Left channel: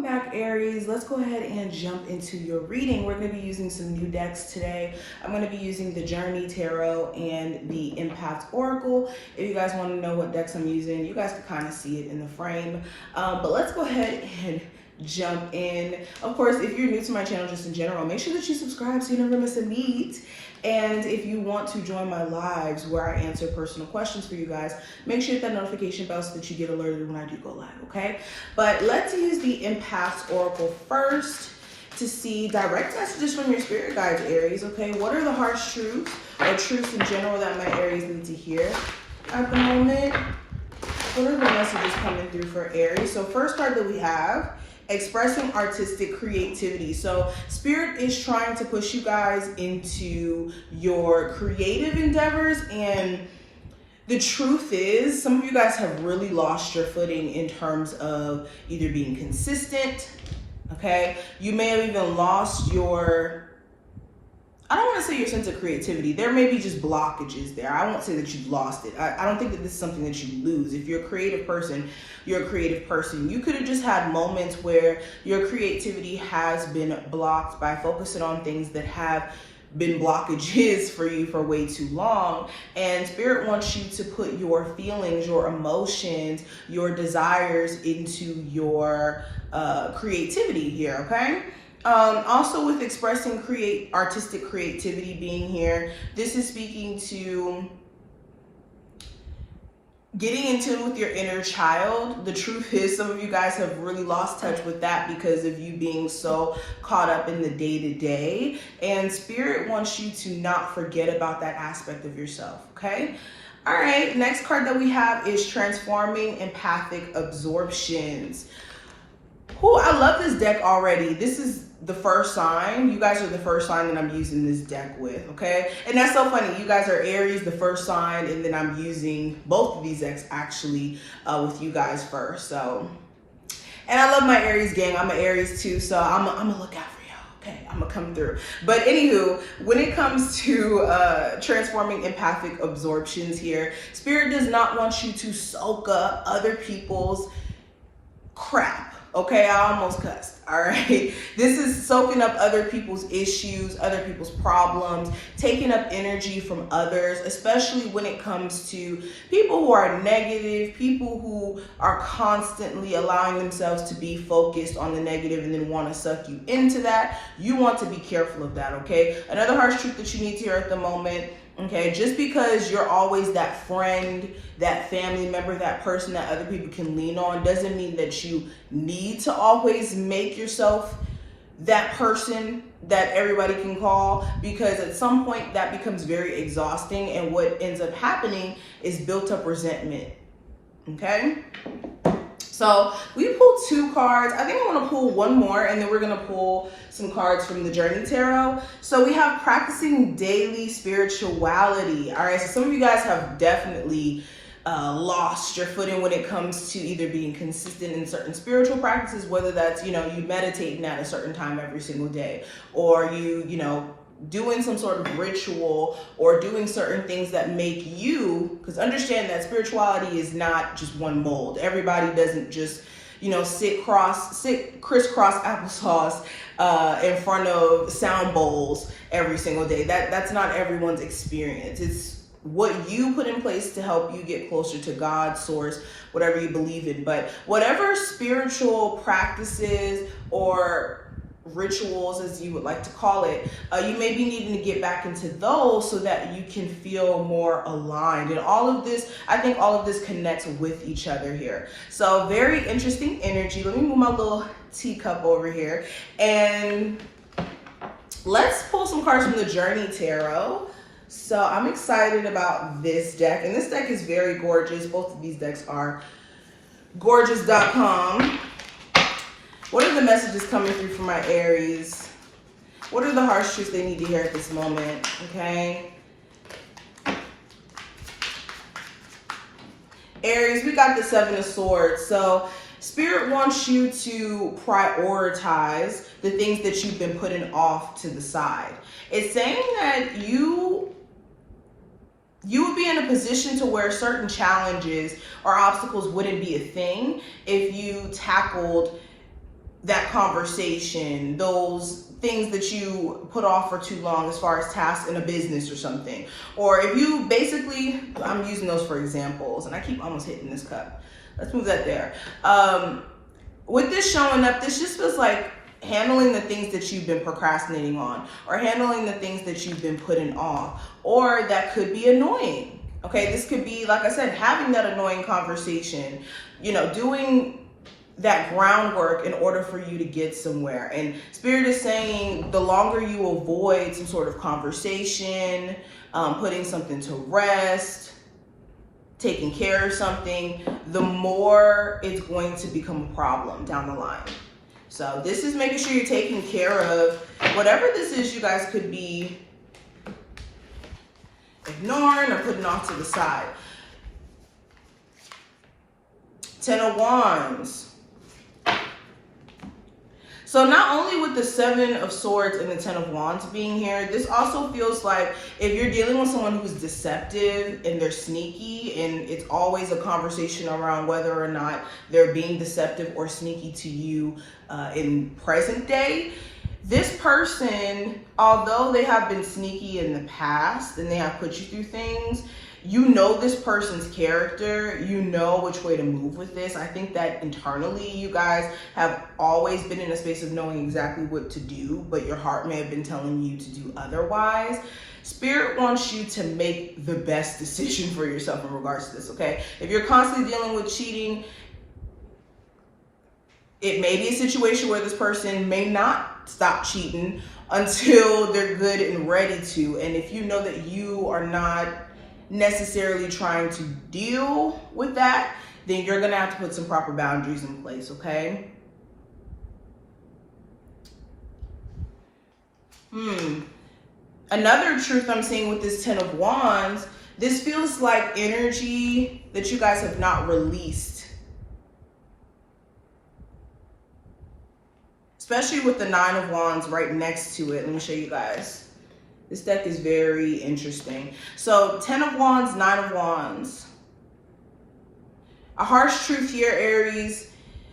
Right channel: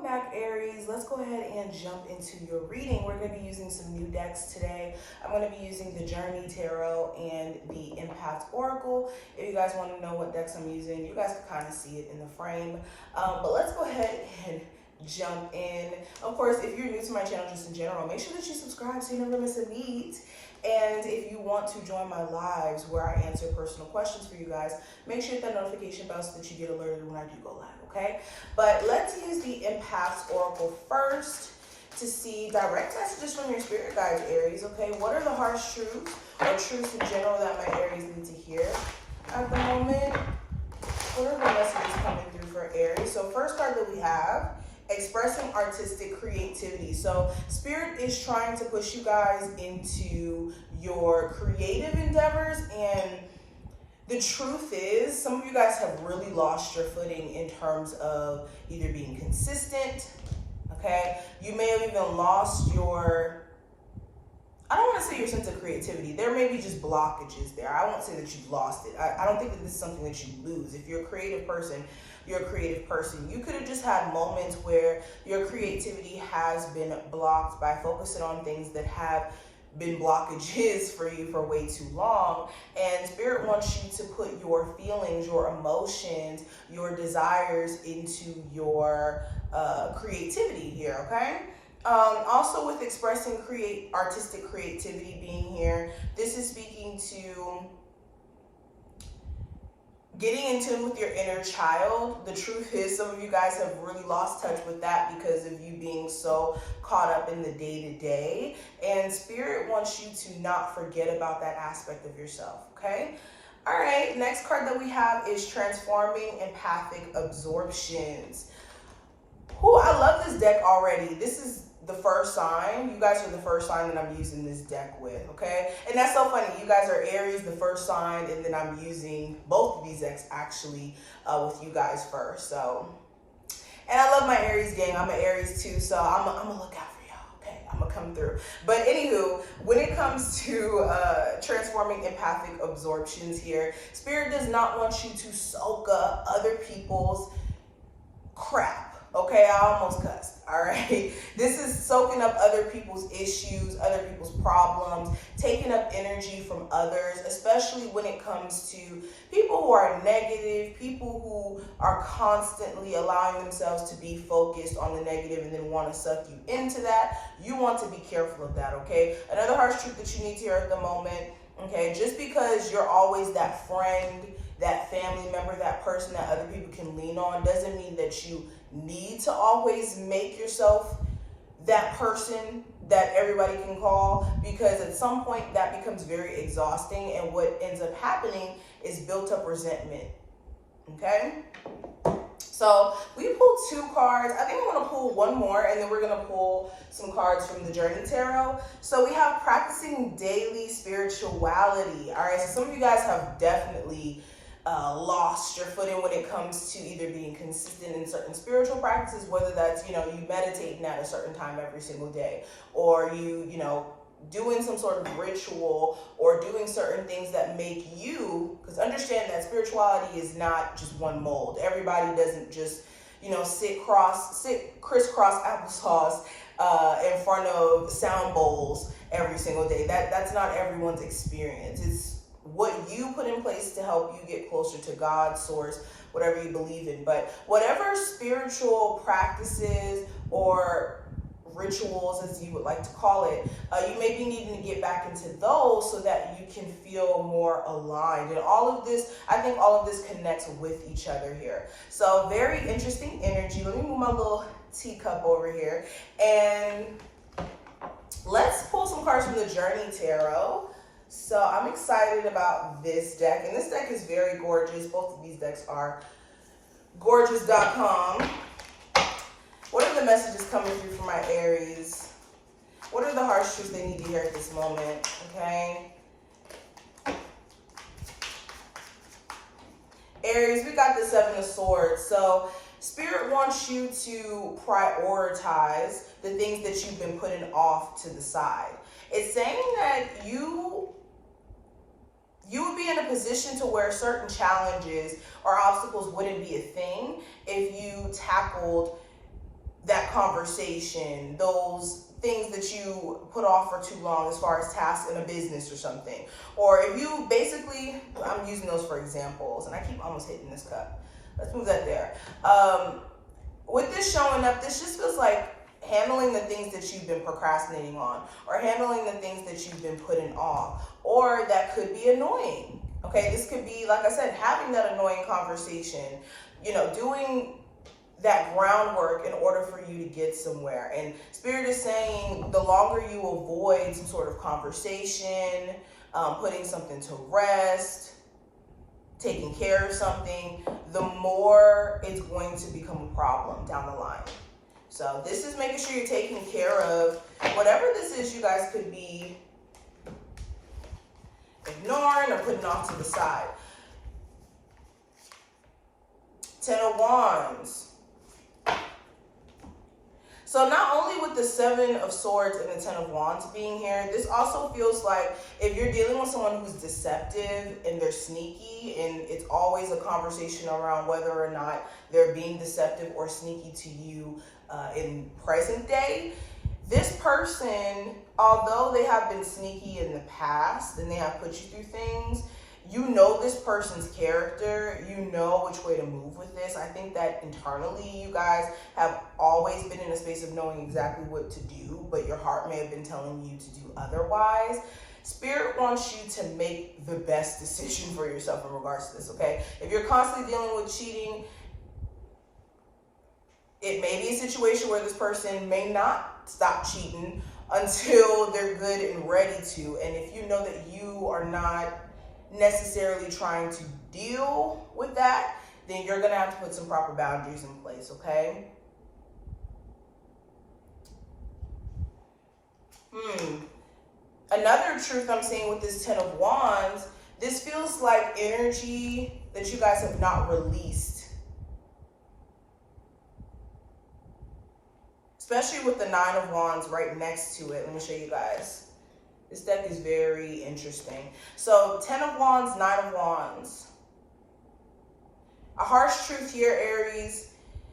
Welcome back, Aries. Let's go ahead and jump into your reading. We're going to be using some new decks today. I'm going to be using the Journey Tarot and the Empath Oracle. If you guys want to know what decks I'm using, you guys can kind of see it in the frame. But let's go ahead and jump in. Of course, if you're new to my channel just in general, make sure that you subscribe so you never miss a beat. And if you want to join my lives where I answer personal questions for you guys, make sure you hit that notification bell so that you get alerted when I do go live, okay? But let's use the Empath Oracle first to see direct messages from your spirit guides, Aries, okay? What are the harsh truths or truths in general that my Aries need to hear at the moment? What are the messages coming through for Aries? So first card that we have, expressing artistic creativity. So spirit is trying to push you guys into your creative endeavors, and the truth is some of you guys have really lost your footing in terms of either being consistent, okay? You may have even lost your, I don't want to say your sense of creativity. There may be just blockages there. I won't say that you've lost it. I don't think that this is something that you lose. If you're a creative person, you're a creative person. You could have just had moments where your creativity has been blocked by focusing on things that have been blockages for you for way too long. And spirit wants you to put your feelings, your emotions, your desires into your creativity here, okay? Also with expressing artistic creativity being here, this is speaking to getting in tune with your inner child. The truth is some of you guys have really lost touch with that because of you being so caught up in the day-to-day, and spirit wants you to not forget about that aspect of yourself, okay? All right, next card that we have is transforming empathic absorptions. Oh, I love this deck already. This is the first sign. You guys are the first sign that I'm using this deck with, okay? And that's so funny. You guys are Aries, the first sign, and then I'm using both of these decks actually with you guys first. So, and I love my Aries gang. I'm an Aries too, so I'm gonna look out for y'all, okay? I'm gonna come through. But anywho, when it comes to transforming empathic absorptions here, spirit does not want you to soak up other people's crap. Okay, I almost cussed, all right? This is soaking up other people's issues, other people's problems, taking up energy from others, especially when it comes to people who are negative, people who are constantly allowing themselves to be focused on the negative and then want to suck you into that. You want to be careful of that, okay? Another harsh truth that you need to hear at the moment, okay, just because you're always that friend, that family member, that person that other people can lean on, doesn't mean that you need to always make yourself that person that everybody can call, because at some point that becomes very exhausting, and what ends up happening is built up resentment, okay? So we pulled 2 cards. I think I'm gonna pull one more, and then we're gonna pull some cards from the Journey Tarot. So we have practicing daily spirituality. All right, so some of you guys have definitely lost your footing when it comes to either being consistent in certain spiritual practices, whether that's, you know, you meditating at a certain time every single day, or you know, doing some sort of ritual, or doing certain things that make you, because understand that spirituality is not just one mold. Everybody doesn't just, you know, sit crisscross applesauce in front of sound bowls every single day. That's not everyone's experience. It's what you put in place to help you get closer to God, source, whatever you believe in. But whatever spiritual practices or rituals, as you would like to call it, you may be needing to get back into those so that you can feel more aligned. And all of this, I think all of this connects with each other here. So very interesting energy. Let me move my little teacup over here, and let's pull some cards from the Journey Tarot. So I'm excited about this deck, and this deck is very gorgeous. Both of these decks are gorgeous.com. What are the messages coming through for my Aries? What are the harsh truths they need to hear at this moment, okay? Aries, we got the 7 of Swords. So spirit wants you to prioritize the things that you've been putting off to the side. It's saying that you would be in a position to where certain challenges or obstacles wouldn't be a thing if you tackled that conversation, those things that you put off for too long as far as tasks in a business or something. Or if you basically, I'm using those for examples, and I keep almost hitting this cup. Let's move that there. With this showing up, this just feels like handling the things that you've been procrastinating on, or handling the things that you've been putting off, or that could be annoying. Okay, this could be, like I said, having that annoying conversation, you know, doing that groundwork in order for you to get somewhere. And Spirit is saying the longer you avoid some sort of conversation, putting something to rest, taking care of something, the more it's going to become a problem down the line. So this is making sure you're taking care of whatever this is you guys could be ignoring or putting off to the side. 10 of Wands. So not only with the 7 of Swords and the 10 of Wands being here, this also feels like if you're dealing with someone who's deceptive and they're sneaky, and it's always a conversation around whether or not they're being deceptive or sneaky to you in present day, this person, although they have been sneaky in the past and they have put you through things, you know this person's character, you know which way to move with this. I think that internally you guys have always been in a space of knowing exactly what to do, but your heart may have been telling you to do otherwise. Spirit wants you to make the best decision for yourself in regards to this, okay? If you're constantly dealing with cheating, it may be a situation where this person may not stop cheating until they're good and ready to. And if you know that you are not necessarily trying to deal with that, then you're gonna have to put some proper boundaries in place, okay? Another truth I'm seeing with this 10 of Wands, this feels like energy that you guys have not released. Especially with the 9 of Wands right next to it. Let me show you guys. This deck is very interesting. So 10 of Wands, 9 of Wands. A harsh truth here, Aries.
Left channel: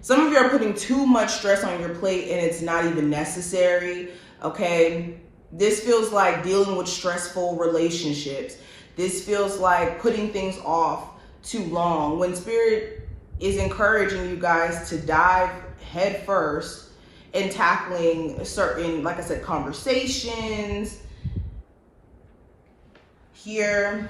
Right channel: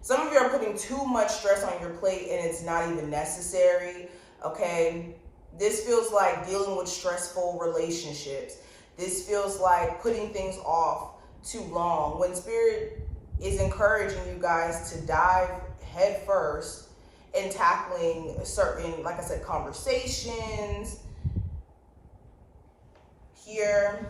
Some of you are putting too much stress on your plate and it's not even necessary, okay? This feels like dealing with stressful relationships. This feels like putting things off too long. When Spirit is encouraging you guys to dive head first in tackling certain, like I said, conversations, here,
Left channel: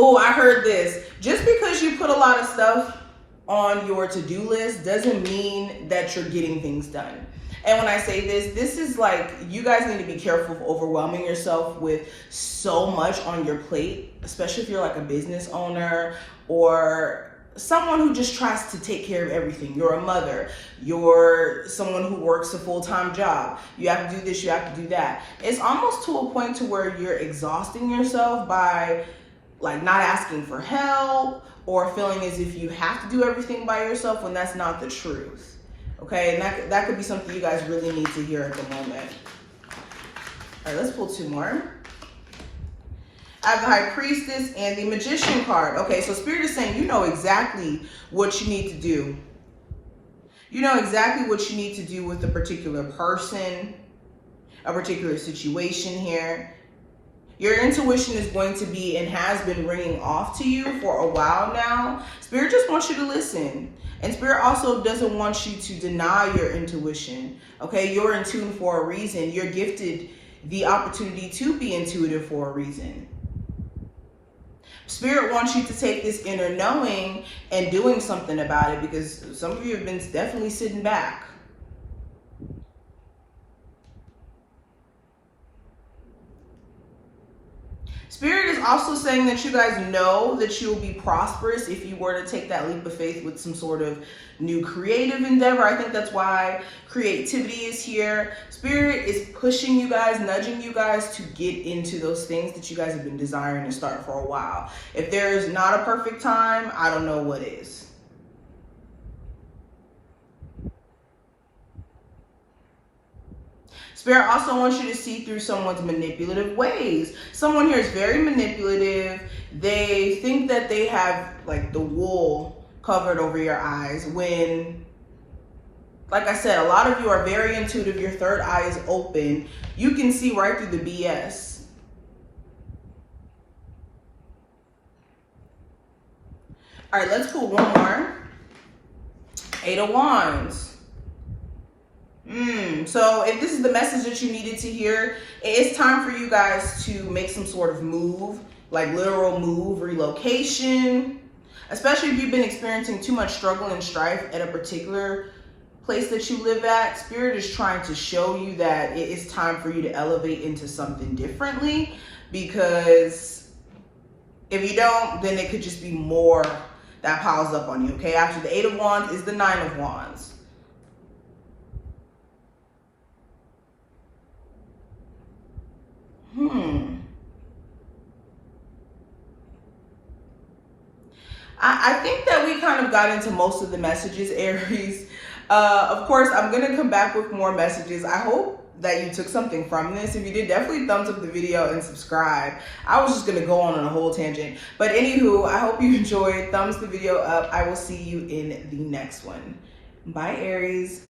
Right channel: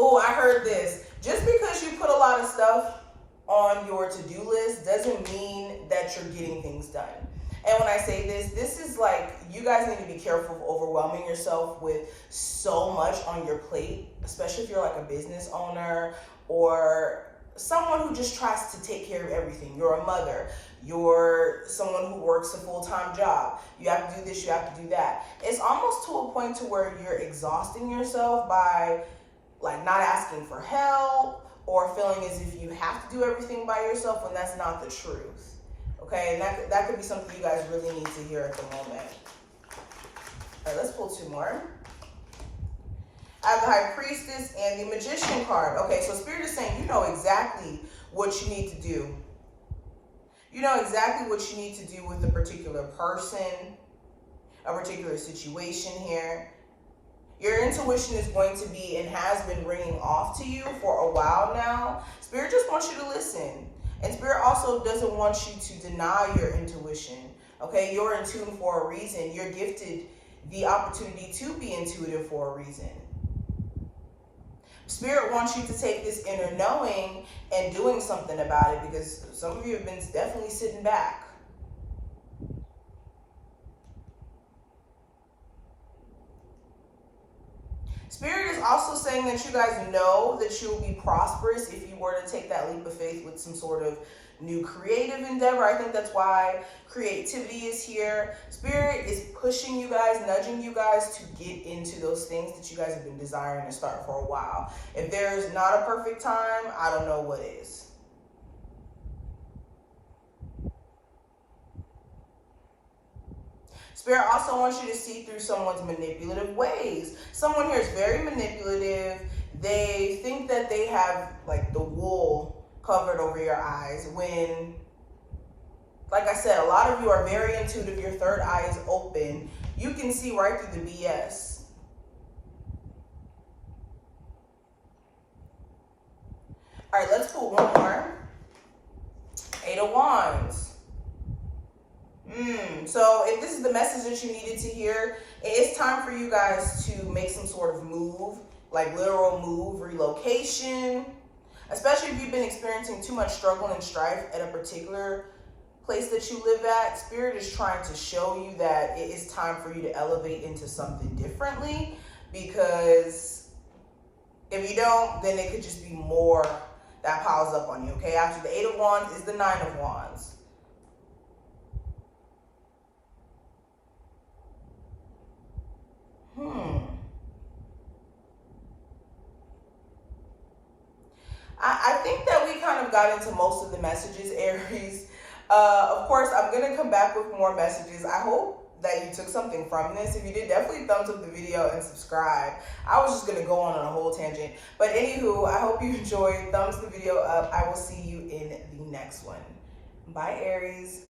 Oh, I heard this. Just because you put a lot of stuff on your to-do list doesn't mean that you're getting things done. And when I say this, this is like, you guys need to be careful of overwhelming yourself with so much on your plate, especially if you're like a business owner or someone who just tries to take care of everything. You're a mother, you're someone who works a full-time job. You have to do this, you have to do that. It's almost to a point to where you're exhausting yourself by like not asking for help or feeling as if you have to do everything by yourself when that's not the truth. Okay, and that could be something you guys really need to hear at the moment. All right, let's pull 2 more. I have the High Priestess and the Magician card. Okay, so Spirit is saying you know exactly what you need to do. You know exactly what you need to do with a particular person, a particular situation here. Your intuition is going to be and has been ringing off to you for a while now. Spirit just wants you to listen. And Spirit also doesn't want you to deny your intuition. Okay, you're in tune for a reason. You're gifted the opportunity to be intuitive for a reason. Spirit wants you to take this inner knowing and doing something about it, because some of you have been definitely sitting back. Spirit is also saying that you guys know that you'll be prosperous if you were to take that leap of faith with some sort of new creative endeavor. I think that's why creativity is here. Spirit is pushing you guys, nudging you guys to get into those things that you guys have been desiring to start for a while. If there's not a perfect time, I don't know what is. Spirit also wants you to see through someone's manipulative ways. Someone here is very manipulative. They think that they have like the wool covered over your eyes when, like I said, a lot of you are very intuitive. Your third eye is open. You can see right through the BS. All right, let's pull one more. Eight of Wands. So if this is the message that you needed to hear, it's time for you guys to make some sort of move, like literal move, relocation, especially if you've been experiencing too much struggle and strife at a particular place that you live at. Spirit is trying to show you that it is time for you to elevate into something differently, because if you don't, then it could just be more that piles up on you, okay? After the Eight of Wands is the Nine of Wands. I think that we kind of got into most of the messages, Aries. Of course, I'm going to come back with more messages. I hope that you took something from this. If you did, definitely thumbs up the video and subscribe. I was just going to go on a whole tangent. But anywho, I hope you enjoyed. Thumbs the video up. I will see you in the next one. Bye, Aries.